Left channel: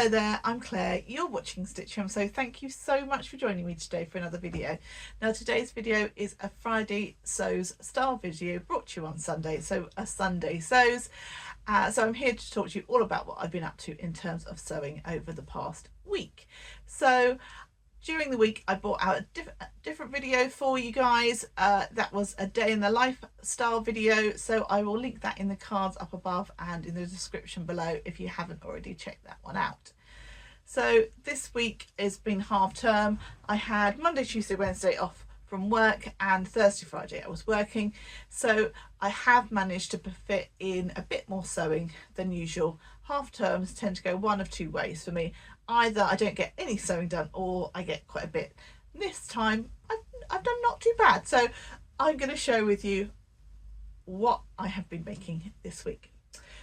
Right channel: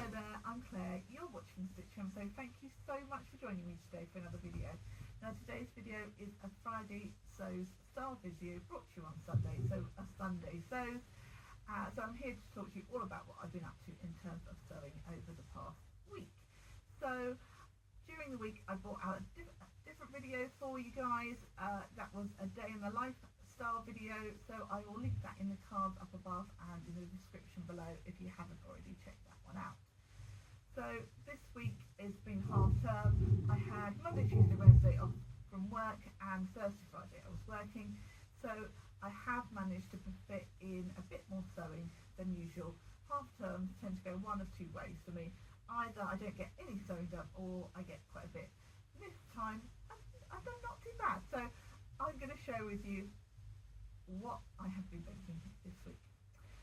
Hello there, I'm Claire, you're watching Stitch so thank you so much for joining me today for another video. Now today's video is a Friday Sews style video brought to you on Sunday, so a Sunday Sews. So I'm here to talk to you all about what I've been up to in terms of sewing over the past week. So during the week I brought out a different video for you guys. That was a day in the life style video, so I will link that in the cards up above and in the description below if you haven't already checked that one out. So this week has been half term. I had Monday, Tuesday, Wednesday off from work, and Thursday, Friday I was working, so I have managed to fit in a bit more sewing than usual. Half terms tend to go one of two ways for me. Either I don't get any sewing done or I get quite a bit. This time I've done not too bad, so I'm going to share with you what I have been making this week.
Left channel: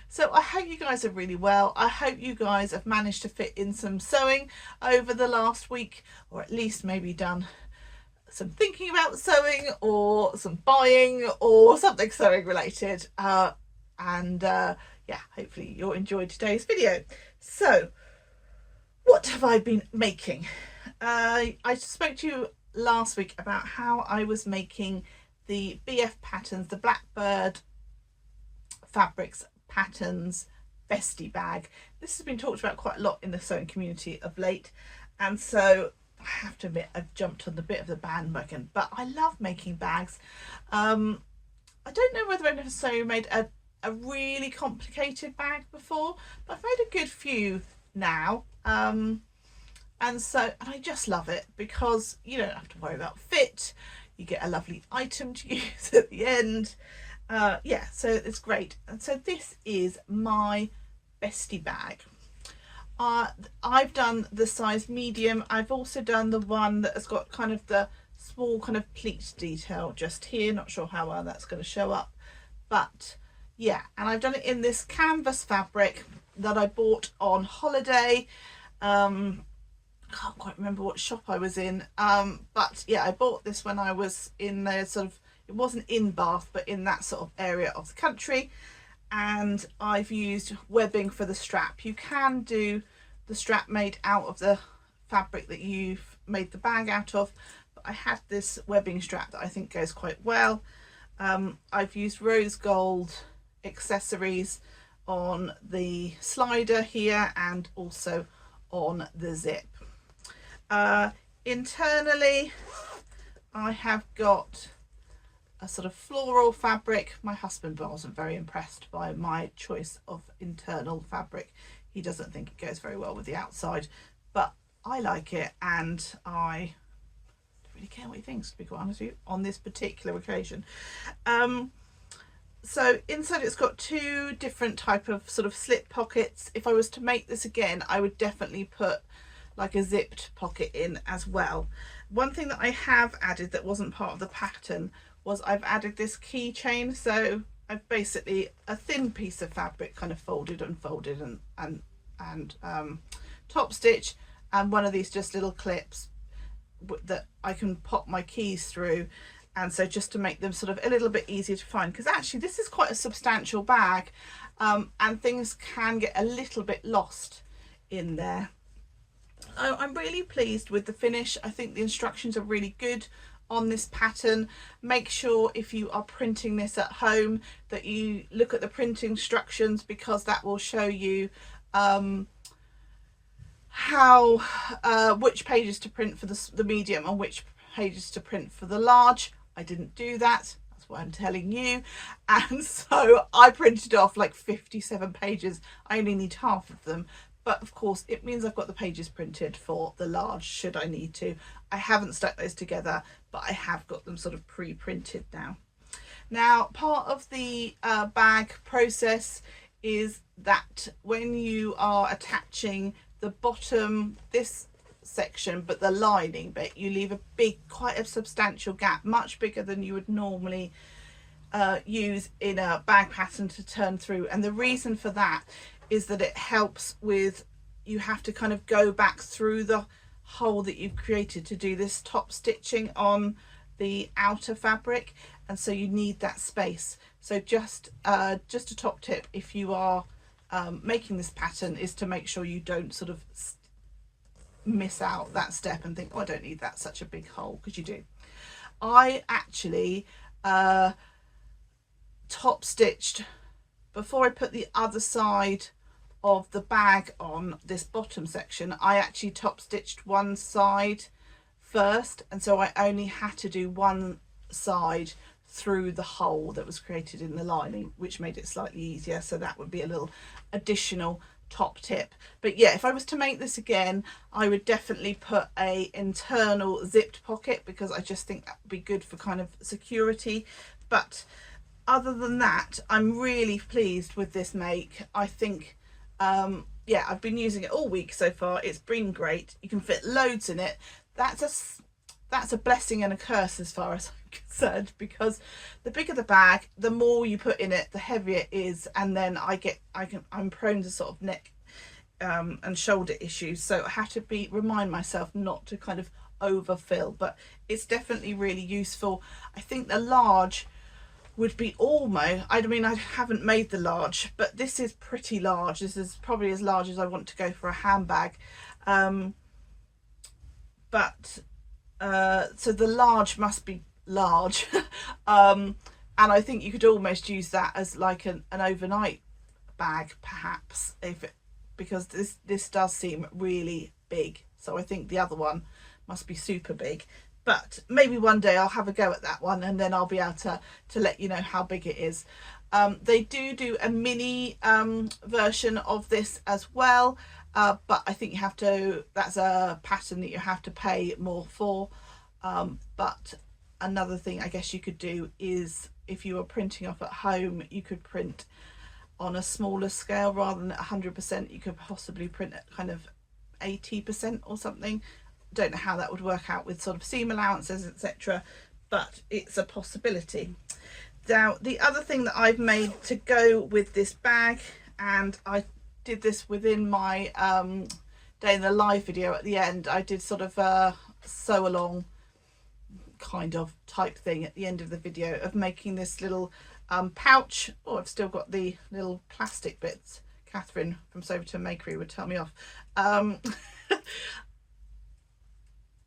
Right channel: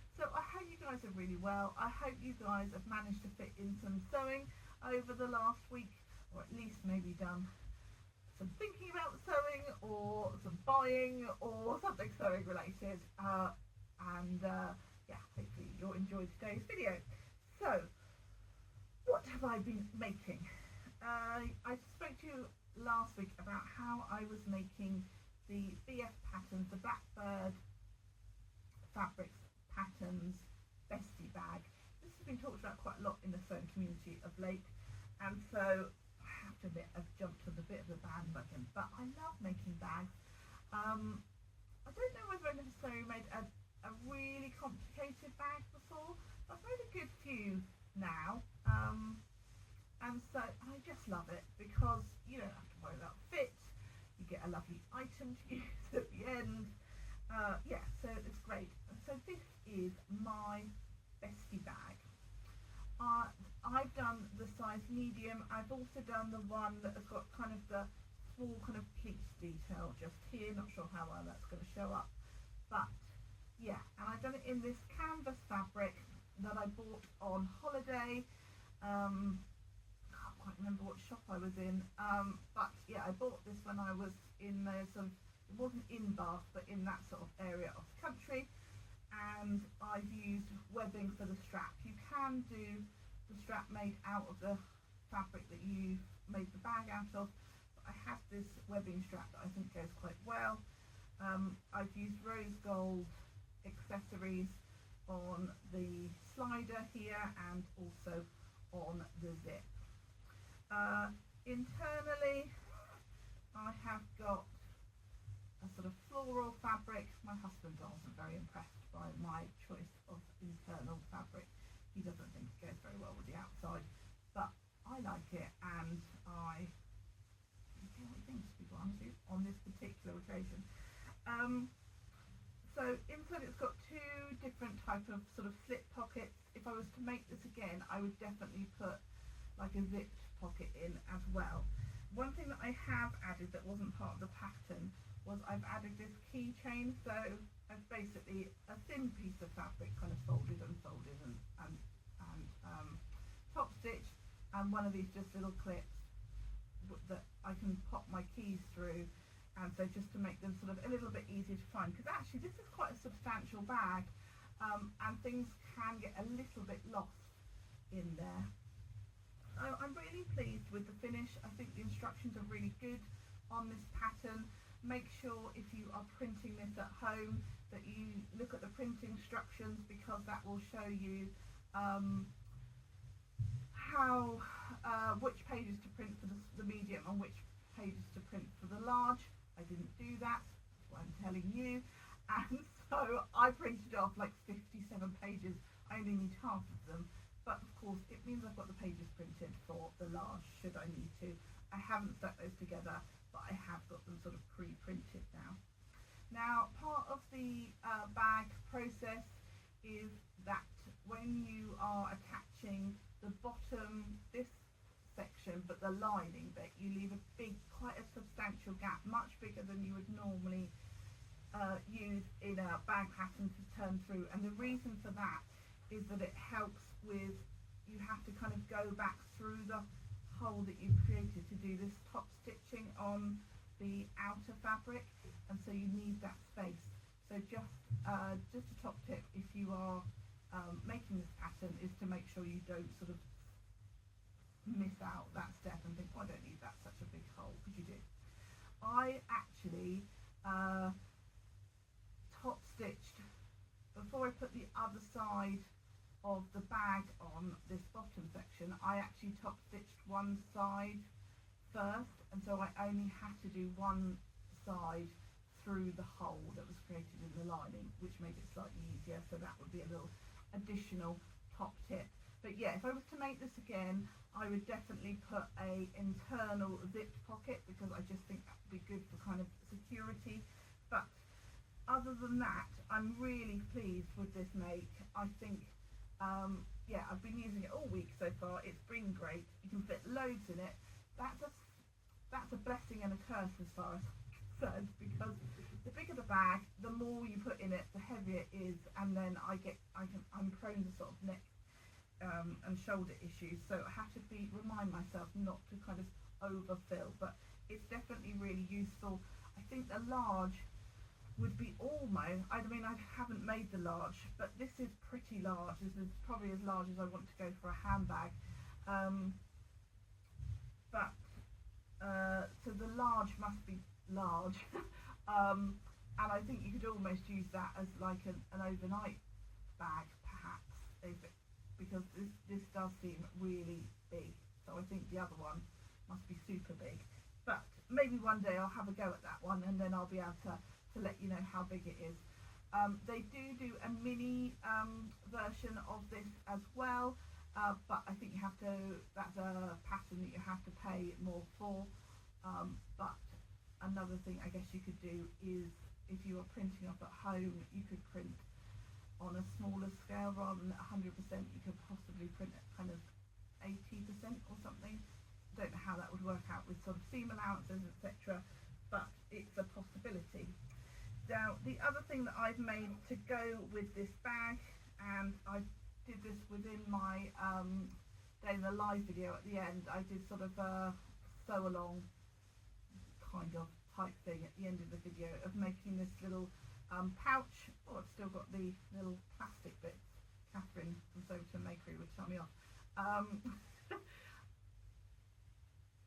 So I hope you guys are really well. I hope you guys have managed to fit in some sewing over the last week, or at least maybe done some thinking about sewing or some buying or something sewing related. Yeah, hopefully you'll enjoy today's video. So what have I been making? I spoke to you last week about how I was making the BF patterns, the Blackbird Fabrics patterns Bestie bag. This has been talked about quite a lot in the sewing community of late, and so I have to admit I've jumped on the bit of the bandwagon, but I love making bags. I don't know whether I've necessarily made a really complicated bag before, but I've made a good few now. And I just love it because you don't have to worry about fit. You get a lovely item to use at the end. Yeah, so it's great. And so this is my Bestie bag. I've done the size medium. I've also done the one that has got kind of the small kind of pleat detail just here. Not sure how well that's going to show up, but yeah, and I've done it in this canvas fabric that I bought on holiday. Can't quite remember what shop I was in, but yeah, I bought this when I was in the sort of, it wasn't in Bath but in that sort of area of the country, and I've used webbing for the strap. You can do the strap made out of the fabric that you've made the bag out of, but I had this webbing strap that I think goes quite well. I've used rose gold accessories on the slider here and also on the zip. Internally I have got a sort of floral fabric. My husband wasn't very impressed by my choice of internal fabric. He doesn't think it goes very well with the outside, but I like it, and I don't really care what he thinks, to be quite honest with you, on this particular occasion. So inside it's got two different type of sort of slip pockets. If I was to make this again, I would definitely put like a zipped pocket in as well. One thing that I have added that wasn't part of the pattern was I've added this keychain. So I've basically a thin piece of fabric kind of folded and folded and top stitch, and one of these just little clips that I can pop my keys through. And so just to make them sort of a little bit easier to find, because actually this is quite a substantial bag, and things can get a little bit lost in there. I'm really pleased with the finish. I think the instructions are really good on this pattern. Make sure if you are printing this at home that you look at the print instructions, because that will show you which pages to print for the medium and which pages to print for the large. I didn't do that, that's why I'm telling you, and so I printed off like 57 pages. I only need half of them, but of course it means I've got the pages printed for the large should I need to. I haven't stuck those together, but I have got them sort of pre-printed now. Now part of the bag process is that when you are attaching the bottom, this section, but the lining bit, you leave a big, quite a substantial gap, much bigger than you would normally use in a bag pattern to turn through. And the reason for that is that it helps with, you have to kind of go back through the hole that you've created to do this top stitching on the outer fabric, and so you need that space. So just a top tip, if you are making this pattern is to make sure you don't sort of miss out that step and think, oh, I don't need that such a big hole, because you do. I actually top stitched before I put the other side of the bag on this bottom section. I actually top stitched one side first, and so I only had to do one side through the hole that was created in the lining, which made it slightly easier. So that would be a little additional top tip. But yeah, if I was to make this again, I would definitely put a internal zipped pocket, because I just think that would be good for kind of security. But other than that, I'm really pleased with this make. I think yeah, I've been using it all week so far. It's been great. You can fit loads in it. That's a blessing and a curse as far as I'm concerned, because the bigger the bag, the more you put in it, the heavier it is, and then I'm prone to sort of neck and shoulder issues. So I have to remind myself not to kind of overfill, but it's definitely really useful. I think the large would be almost, I mean, I haven't made the large, but this is pretty large. This is probably as large as I want to go for a handbag. So the large must be large. And I think you could almost use that as like an overnight bag, perhaps, because this does seem really big. So I think the other one must be super big. But maybe one day I'll have a go at that one, and then I'll be able to let you know how big it is. They do a mini version of this as well, but I think you have to, that's a pattern that you have to pay more for. But another thing I guess you could do is, if you were printing off at home, you could print on a smaller scale rather than at 100%. You could possibly print at kind of 80% or something. Don't know how that would work out with sort of seam allowances, etc., but it's a possibility. Now, the other thing that I've made to go with this bag, and I did this within my day in the live video at the end, I did sort of a sew along kind of type thing at the end of the video of making this little pouch. Oh, I've still got the little plastic bits. Catherine from Soberton Makery would tell me off.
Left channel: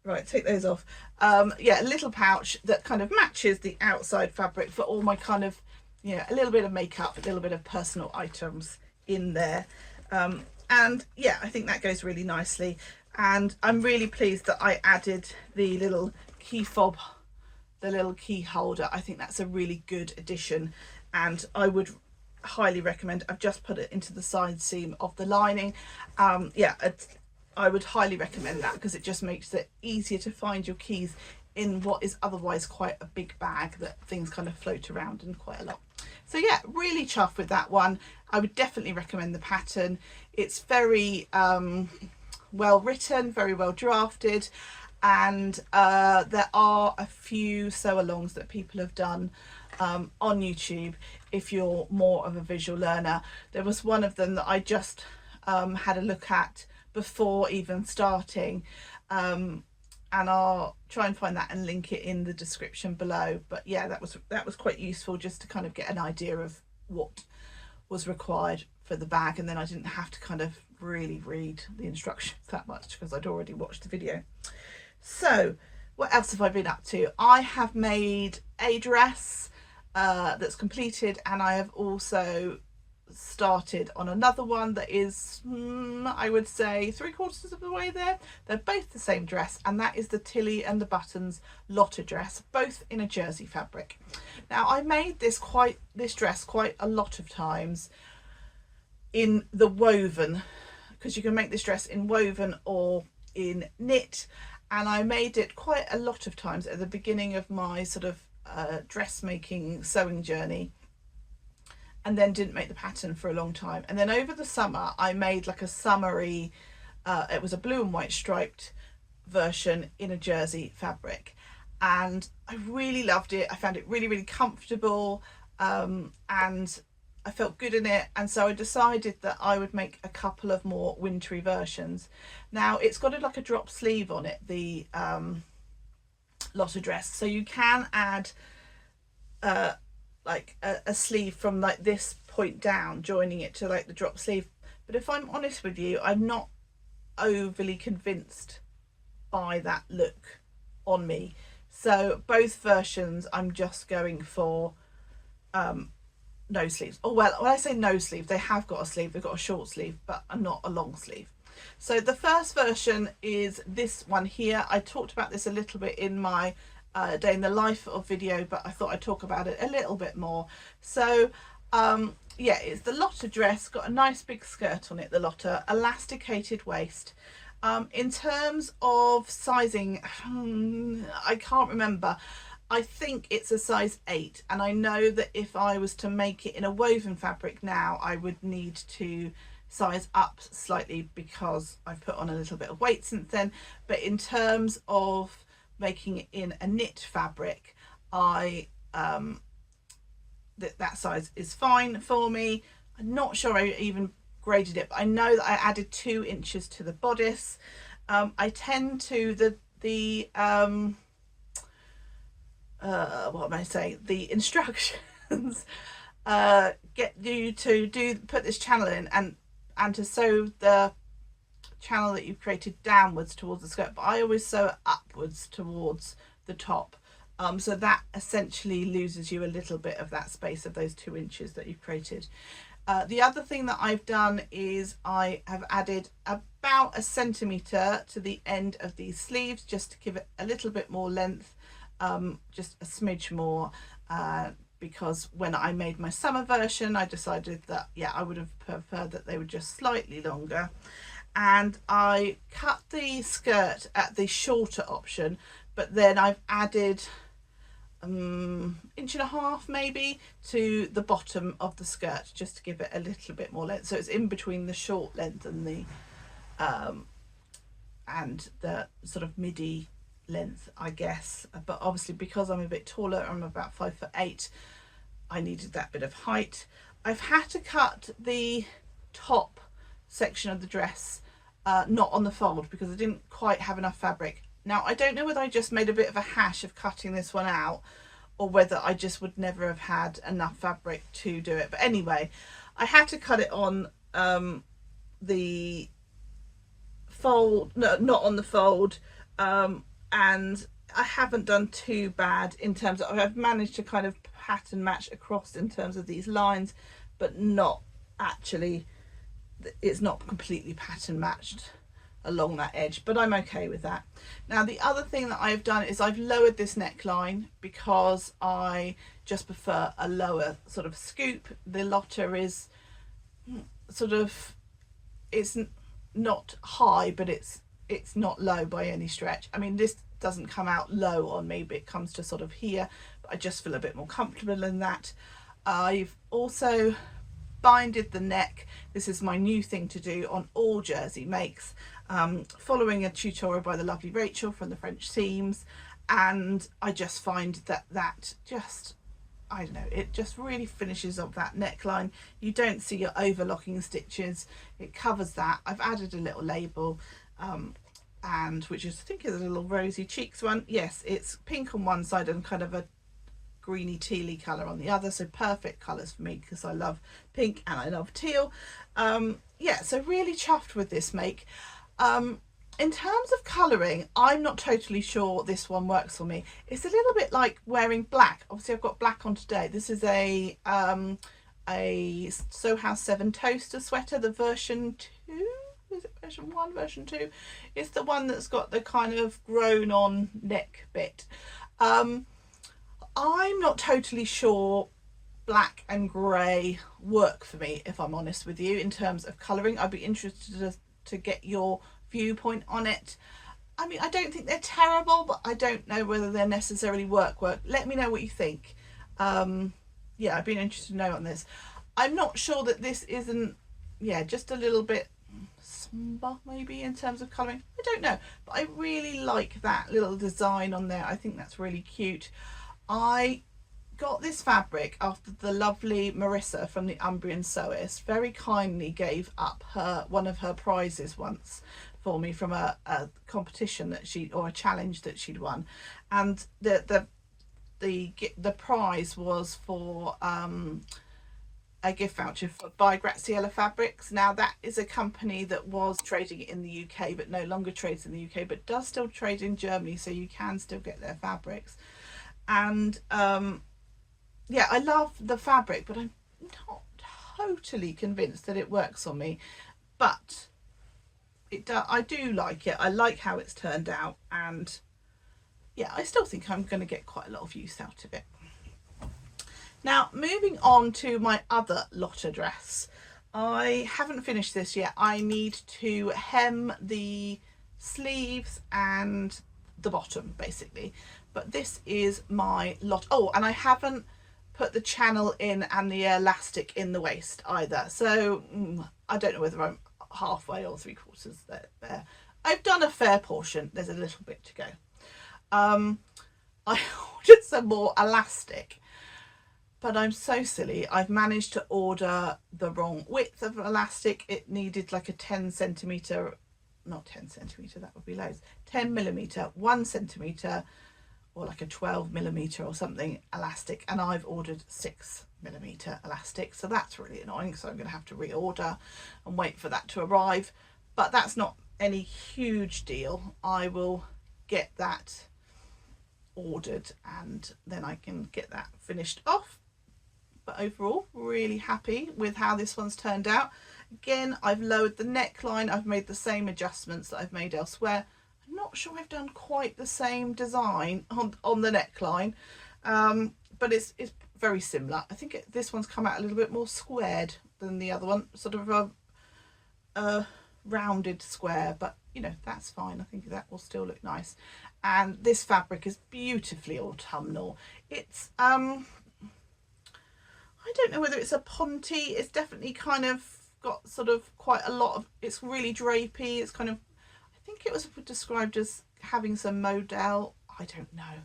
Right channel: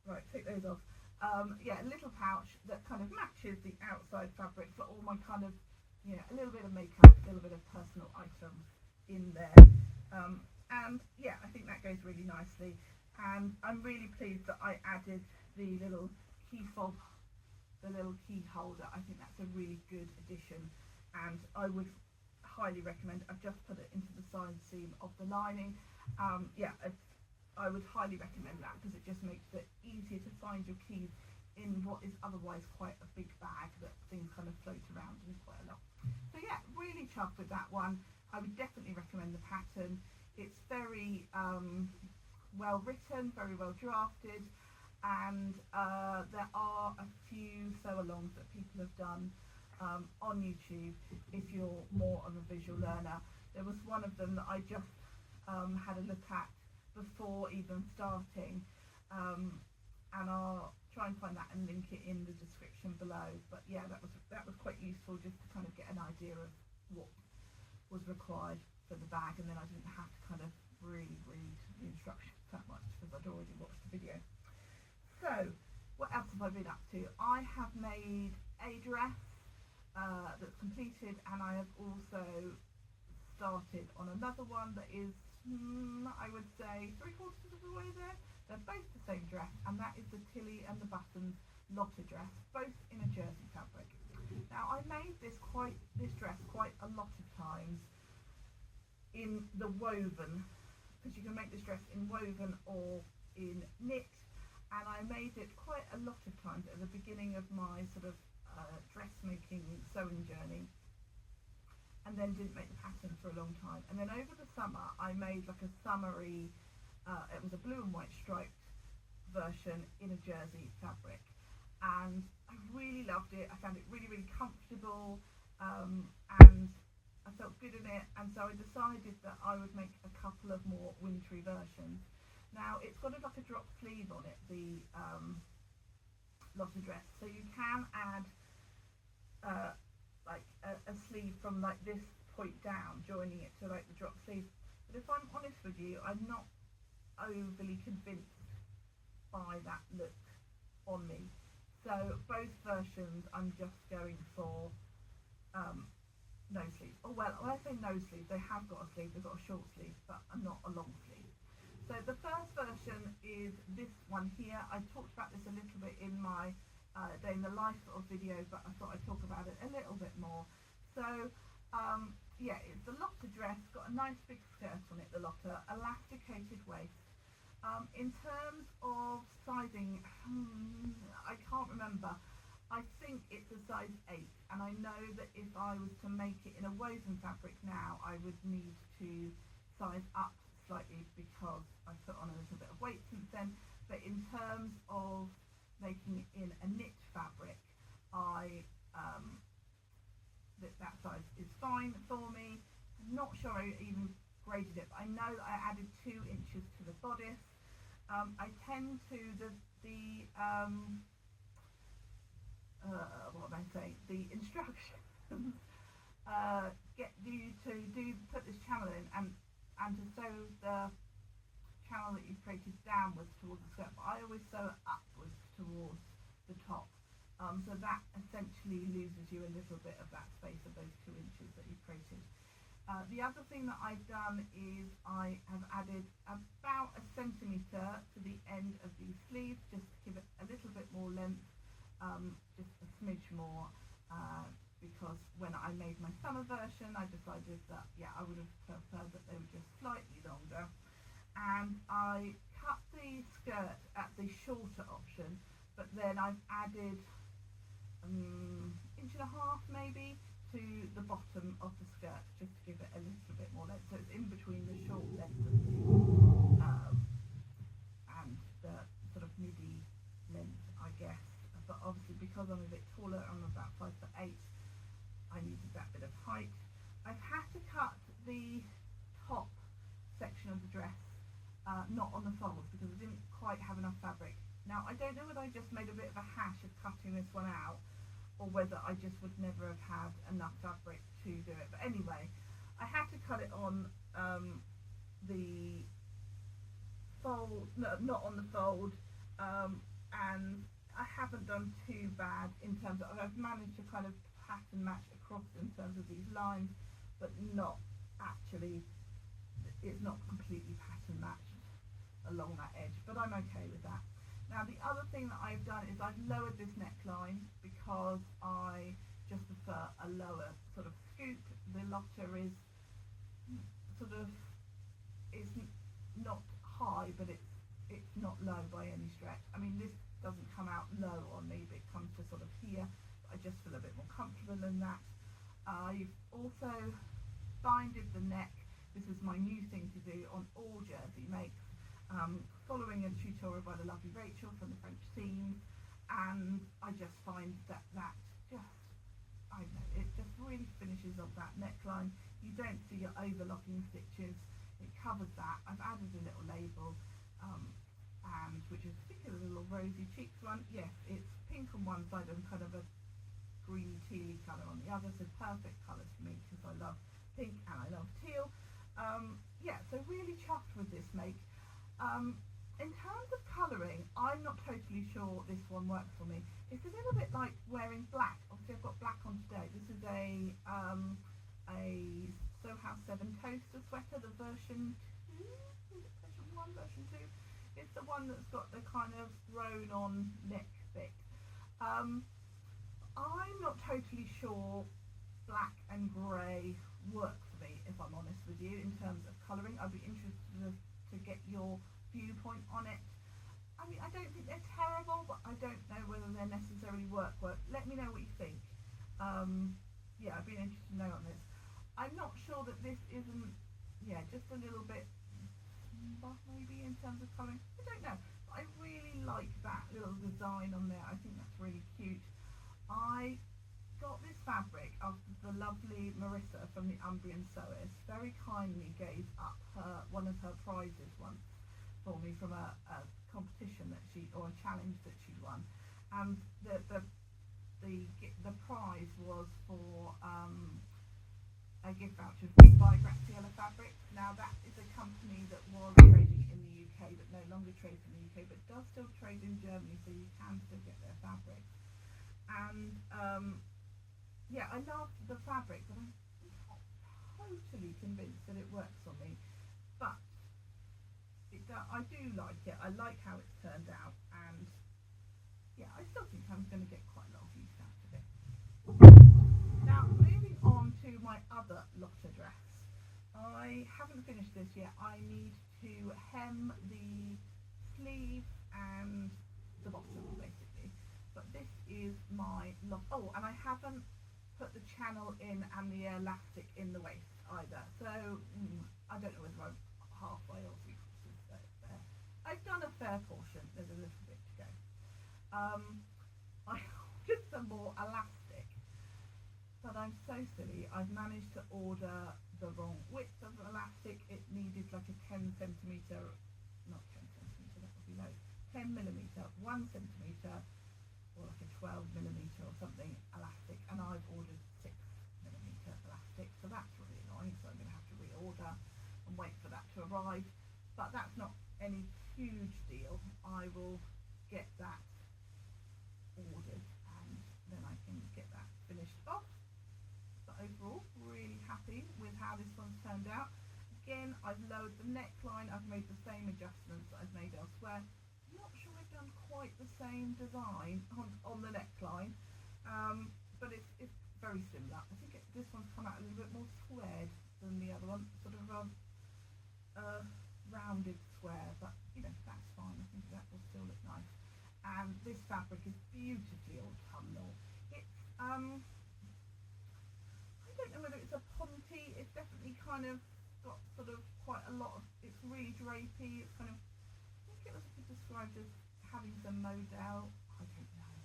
Right, take those off. Yeah, a little pouch that kind of matches the outside fabric for all my kind of, you know, a little bit of makeup, a little bit of personal items in there. And yeah, I think that goes really nicely. And I'm really pleased that I added the little key fob, the little key holder. I think that's a really good addition, and I would highly recommend. I've just put it into the side seam of the lining. Yeah, I would highly recommend that, because it just makes it easier to find your keys in what is otherwise quite a big bag that things kind of float around in quite a lot. So yeah, really chuffed with that one. I would definitely recommend the pattern. It's very well written, very well drafted, and there are a few sew-alongs that people have done on YouTube if you're more of a visual learner. There was one of them that I just had a look at before even starting, and I'll try and find that and link it in the description below. But yeah, that was quite useful, just to kind of get an idea of what was required for the bag, and then I didn't have to kind of really read the instructions that much, because I'd already watched the video. So what else have I been up to? I have made a dress that's completed, and I have also started on another one that is I would say 3/4 of the way there. They're both the same dress, and that is the Tilly and the Buttons Lotta dress, both in a jersey fabric. Now, I made this dress quite a lot of times in the woven, because you can make this dress in woven or in knit, and I made it quite a lot of times at the beginning of my sort of dressmaking sewing journey, and then didn't make the pattern for a long time. And then over the summer I made like a summery, it was a blue and white striped version in a jersey fabric, and I really loved it. I found it really, really comfortable, and I felt good in it, and so I decided that I would make a couple of more wintry versions. Now, it's got like a drop sleeve on it, the Lotta dress, so you can add like a sleeve from like this point down, joining it to like the drop sleeve. But if I'm honest with you, I'm not overly convinced by that look on me. So both versions I'm just going for no sleeves. Oh well, when I say no sleeve, they have got a sleeve, they've got a short sleeve, but not a long sleeve. So the first version is this one here. I talked about this a little bit in my day in the life of video, but I thought I'd talk about it a little bit more. So yeah, it's the Lotta dress, got a nice big skirt on it, the Lotta, elasticated waist. In terms of sizing, I can't remember. I think it's a size 8, and I know that if I was to make it in a woven fabric now, I would need to size up slightly because I've put on a little bit of weight since then. But in terms of making it in a knit fabric, I that size is fine for me. I'm not sure I even graded it, but I know that I added 2 inches to the bodice. I tend to what am I saying? The instructions get you to put this channel in and to sew the channel that you've created downwards towards the skirt, but I always sew it upwards towards the top. So that essentially loses you a little bit of that space of those 2 inches that you've created. The other thing that I've done is I have added about 1 centimetre to the end of these sleeves just to give it a little bit more length, just a smidge more, because when I made my summer version I decided that yeah, I would have preferred that they were just slightly longer. And I cut the skirt at the shorter option, but then I've added 1.5 inches maybe to the bottom of the skirt just to give it a little bit more length, so it's in between the short length and the sort of midi length, I guess. But obviously because I'm a bit taller, I'm about 5'8", I needed that bit of height. I've had to cut the top section of the dress not on the fold because I didn't quite have enough fabric. Now I don't know whether I just made a bit of a hash of cutting this one out or whether I just would never have had enough fabric to do it, but anyway, I had to cut it on the fold, no, not on the fold, and I haven't done too bad in terms of, I've managed to kind of pattern match across in terms of these lines, but not actually, it's not completely pattern matched along that edge, but I'm okay with that. Now the other thing that I've done is I've lowered this neckline because I just prefer a lower sort of scoop. The Lotta is sort of, it's not high, but it's not low by any stretch. I mean, this doesn't come out low on me, but it comes to sort of here, but I just feel a bit more comfortable in that. I've also binded the neck. This is my new thing to do on all jersey makes, following a tutorial by the lovely Rachel from the French Seams, and I just find that just, I don't know, it just really finishes off that neckline. You don't see your overlocking stitches, it covers that. I've added a little label, and which is, I think is a little rosy cheeks one. Yes, it's pink on one side and kind of a greeny tealy colour on the other, so perfect colours for me because I love pink and I love teal. Yeah, so really chuffed with this make. In terms of colouring, I'm not totally sure this one works for me. It's a little bit like wearing black. Obviously I've got black on today. This is a Sew House 7 toaster sweater, the version 2, is it version 1, version 2? It's the one that's got the kind of grown on neck bit. I'm not totally sure black and grey work for me, if I'm honest with you, in terms of colouring. I'd be interested to get your viewpoint on it. I mean, I don't think they're terrible, but I don't know whether they're necessarily work. Let me know what you think. Yeah, I'd be interested to know on this. I'm not sure that this isn't, yeah, just a little bit somber maybe in terms of colouring. I don't know, but I really like that little design on there. I think that's really cute. I got this fabric after the lovely Marissa from the Umbrian Sewist very kindly gave up one of her prizes once for me from a competition that or a challenge that she'd won, and the prize was for a gift voucher by Graziella Fabrics. Now that is a company that was trading in the UK but no longer trades in the UK, but does still trade in Germany, so you can still get their fabrics. And yeah, I love the fabric, but I'm not totally convinced that it works on me. But I do like it. I like how it's turned out, and yeah, I still think I'm going to get quite a lot of use out of it. Now, moving on to my other Lotta dress. I haven't finished this yet. I need to hem the sleeves and the bottom, basically. But this is my Lotta. Oh, and I haven't put the channel in and the elastic in the waist either. So I don't know whether I'm halfway or 3/4 there. I've done a fair portion. There's a little bit to go. I ordered some more elastic, but I'm so silly. I've managed to order the wrong width of elastic. It needed like a 10 centimetre, not 10 centimetre, that would be loads, 10 millimetre, 1 centimetre, or like a 12 millimetre or something elastic, and I've ordered 6 millimetre elastic, so that's really annoying. So I'm going to have to reorder and wait for that to arrive, but that's not any huge deal. I will get that ordered and then I can get that finished off. But overall, really happy with how this one's turned out. Again, I've lowered the neckline. I've made the same adjustments that I've made elsewhere. I'm not sure I've done quite the same design on the neckline, but it's very similar. I think this one's come out a little bit more squared than the other one, sort of a rounded square, but you know, that's fine. I think that will still look nice. And this fabric is beautifully autumnal. It's I don't know whether it's a ponte. It's definitely kind of got sort of quite a lot of, it's really drapey. It's kind of, I think it was described as having some modal. I don't know.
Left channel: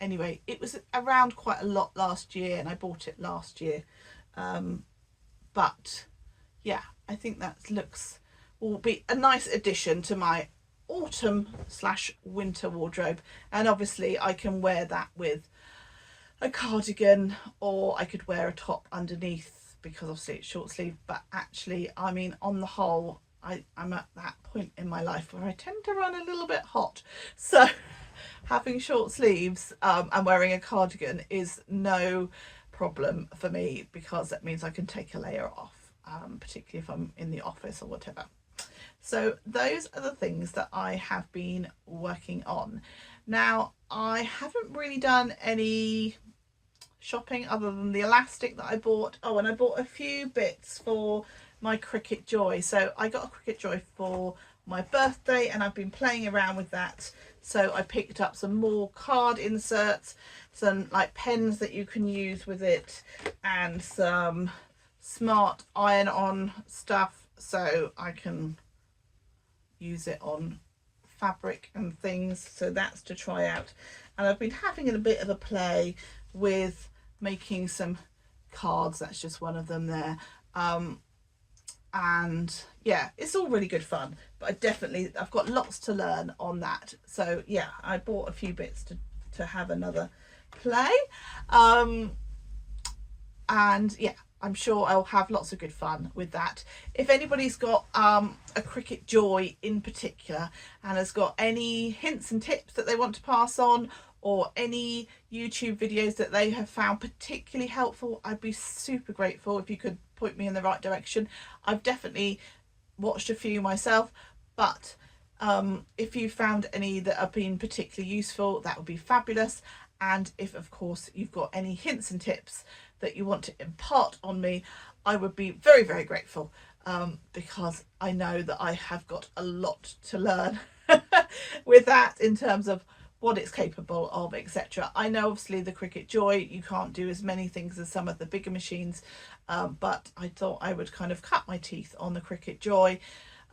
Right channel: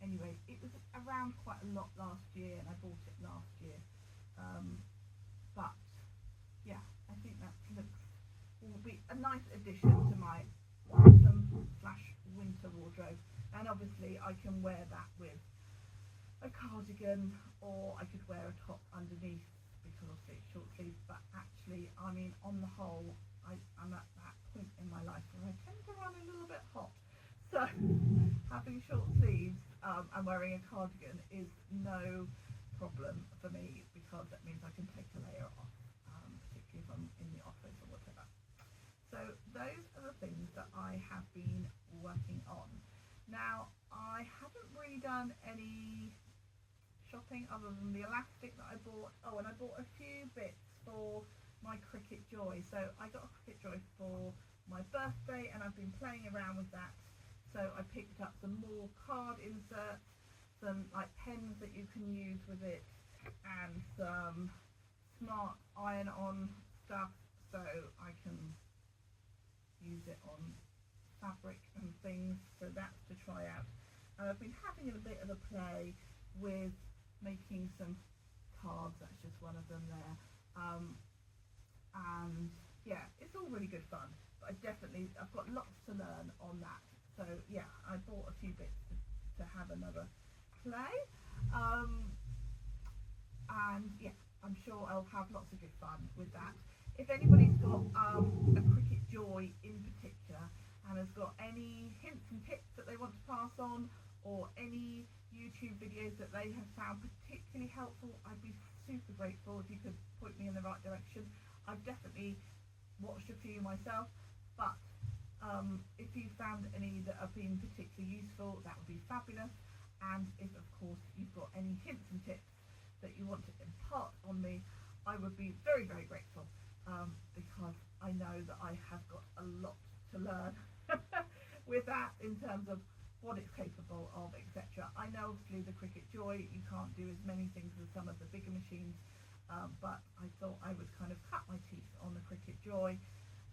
Anyway, it was around quite a lot last year and I bought it last year. But yeah, I think that will be a nice addition to my autumn/winter wardrobe. And obviously I can wear that with a cardigan, or I could wear a top underneath because obviously it's short sleeve. But actually, I mean, on the whole, I'm at that point in my life where I tend to run a little bit hot, so having short sleeves and wearing a cardigan is no problem for me, because that means I can take a layer off, particularly if I'm in the office or whatever. So those are the things that I have been working on. Now, I haven't really done any shopping other than the elastic that I bought. Oh, and I bought a few bits for my Cricut Joy. So I got a Cricut Joy for my birthday and I've been playing around with that. So I picked up some more card inserts, some like pens that you can use with it, and some smart iron-on stuff so I can use it on fabric and things. So that's to try out. And I've been having a bit of a play with making some cards. That's just one of them there. And yeah, it's all really good fun, but I've got lots to learn on that. So yeah, I bought a few bits to have another play. And yeah, I'm sure I'll have lots of good fun with that. If anybody's got a Cricut Joy in particular and has got any hints and tips that they want to pass on, or any YouTube videos that they have found particularly helpful, I'd be super grateful if you could point me in the right direction. I've definitely watched a few myself, but if you found any that have been particularly useful, that would be fabulous. And if of course you've got any hints and tips that you want to impart on me, I would be very, very grateful, because I know that I have got a lot to learn with that in terms of what it's capable of, etc. I know obviously the Cricut Joy, you can't do as many things as some of the bigger machines, but I thought I would kind of cut my teeth on the Cricut Joy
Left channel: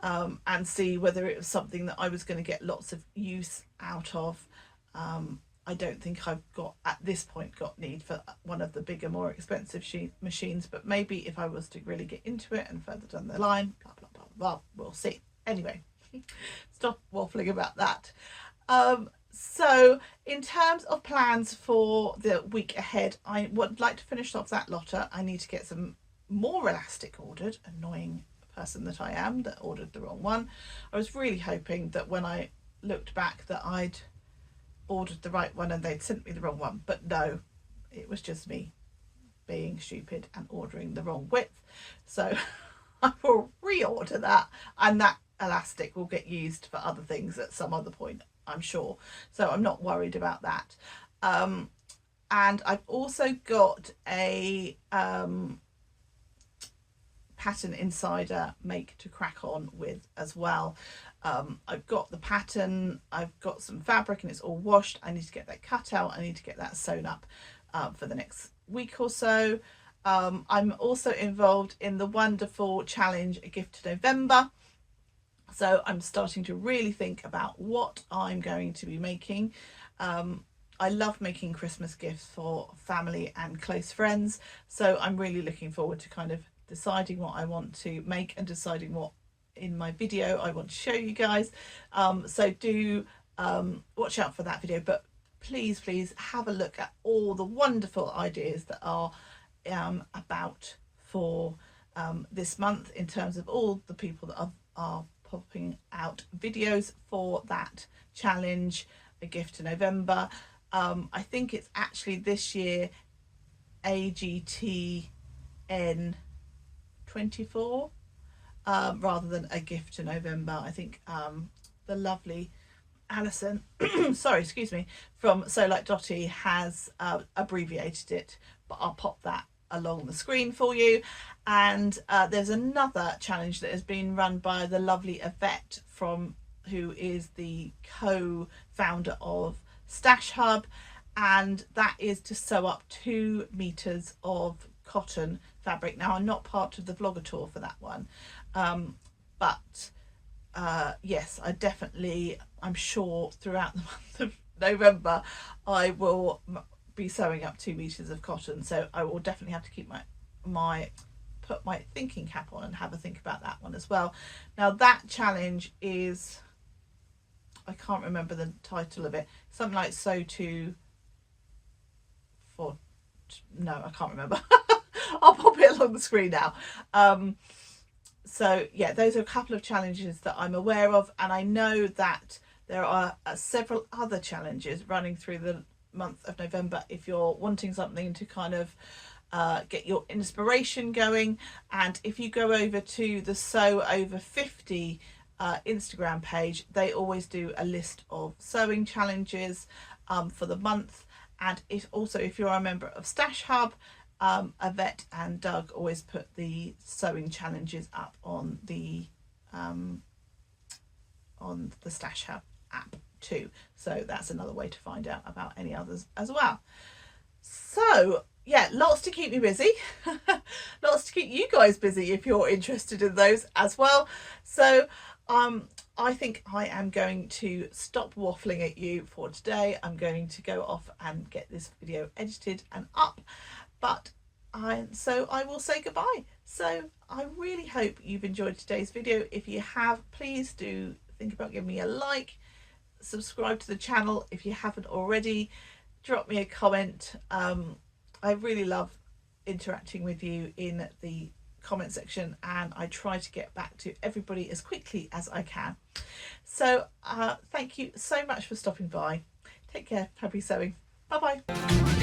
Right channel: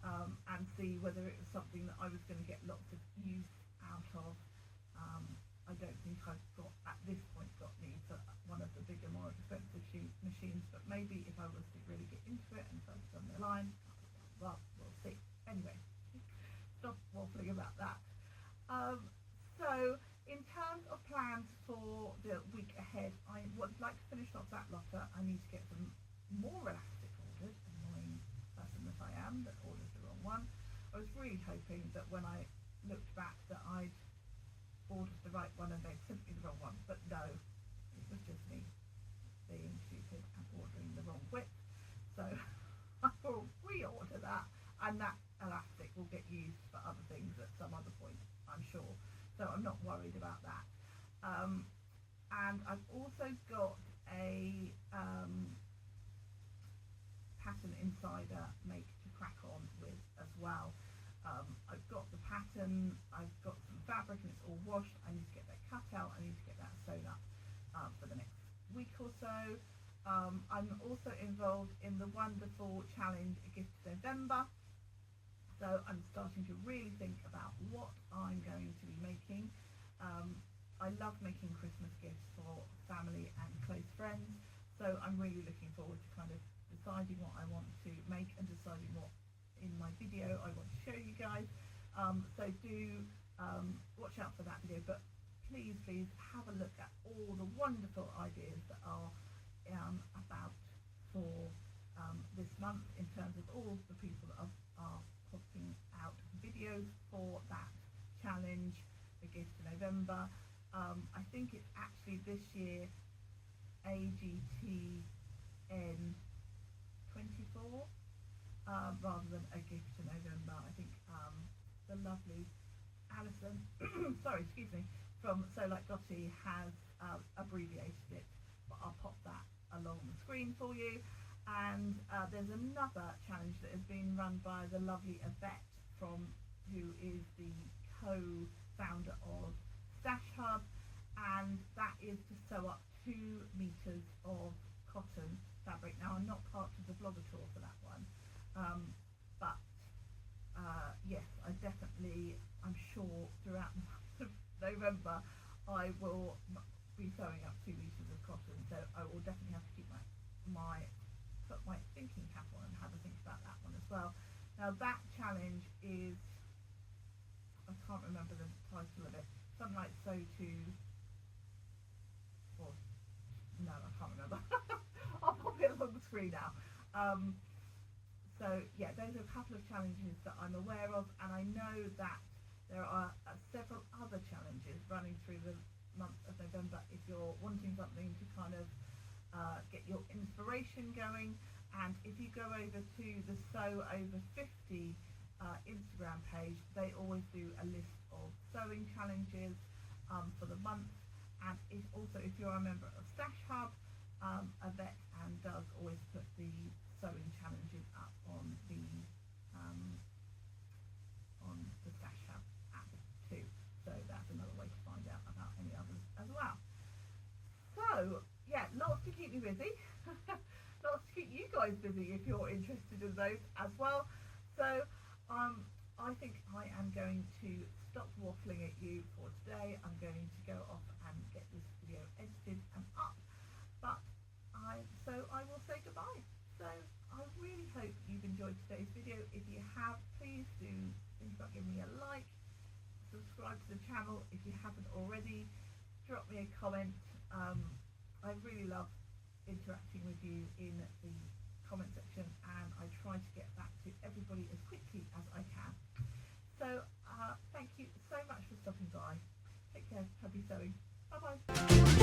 and see whether it was something that I was going to get lots of use out of. I don't think I've got, at this point, got need for one of the bigger, more expensive machines, but maybe if I was to really get into it and further down the line, blah, blah, blah, blah, we'll see. Anyway, stop waffling about that. So in terms of plans for the week ahead, I would like to finish off that Lotta. I need to get some more elastic ordered, annoying person that I am that ordered the wrong one. I was really hoping that when I looked back that I'd ordered the right one and they'd sent me the wrong one, but no, it was just me being stupid and ordering the wrong width. So I will reorder that, and that elastic will get used for other things at some other point, I'm sure, so I'm not worried about that. And I've also got a pattern insider make to crack on with as well. I've got the pattern, I've got some fabric and it's all washed. I need to get that cut out, I need to get that sewn up for the next week or so. I'm also involved in the wonderful challenge A Gift to November, so I'm starting to really think about what I'm going to be making. I love making Christmas gifts for family and close friends, so I'm really looking forward to kind of deciding what I want to make and deciding what in my video I want to show you guys. So do watch out for that video, but please have a look at all the wonderful ideas that are about for this month, in terms of all the people that are popping out videos for that challenge A Gift to November. I think it's actually this year AGTN 24 rather than A Gift to November. I think the lovely Alison sorry, excuse me, from So Like Dotty has abbreviated it, but I'll pop that along the screen for you. And there's another challenge that has been run by the lovely Yvette, who is the co-founder of Stash Hub, and that is to sew up 2 meters of cotton fabric. Now, I'm not part of the vlogger tour for that one, but yes, I'm sure throughout the month of November I will be sewing up 2 meters of cotton, so I will definitely have to keep put my thinking cap on and have a think about that one as well. Now, that challenge is, I can't remember the title of it, something like sew to for, no, I can't remember. I'll pop it along the screen now. So yeah, those are a couple of challenges that I'm aware of, and I know that there are several other challenges running through the month of November if you're wanting something to kind of get your inspiration going. And if you go over to the Sew Over 50 Instagram page, they always do a list of sewing challenges for the month. And if you're a member of Stash Hub, Yvette and Doug always put the sewing challenges up on the Stash Hub app too, so that's another way to find out about any others as well. So yeah, lots to keep me busy lots to keep you guys busy if you're interested in those as well. So I think I am going to stop waffling at you for today. I'm going to go off and get this video edited and up, so I will say goodbye. So I really hope you've enjoyed today's video. If you have, please do think about giving me a like, subscribe to the channel if you haven't already, drop me a comment. I really love interacting with you in the comment section, and I try to get back to everybody as quickly as I can. So thank you so much for stopping by. Take care, happy sewing, bye bye.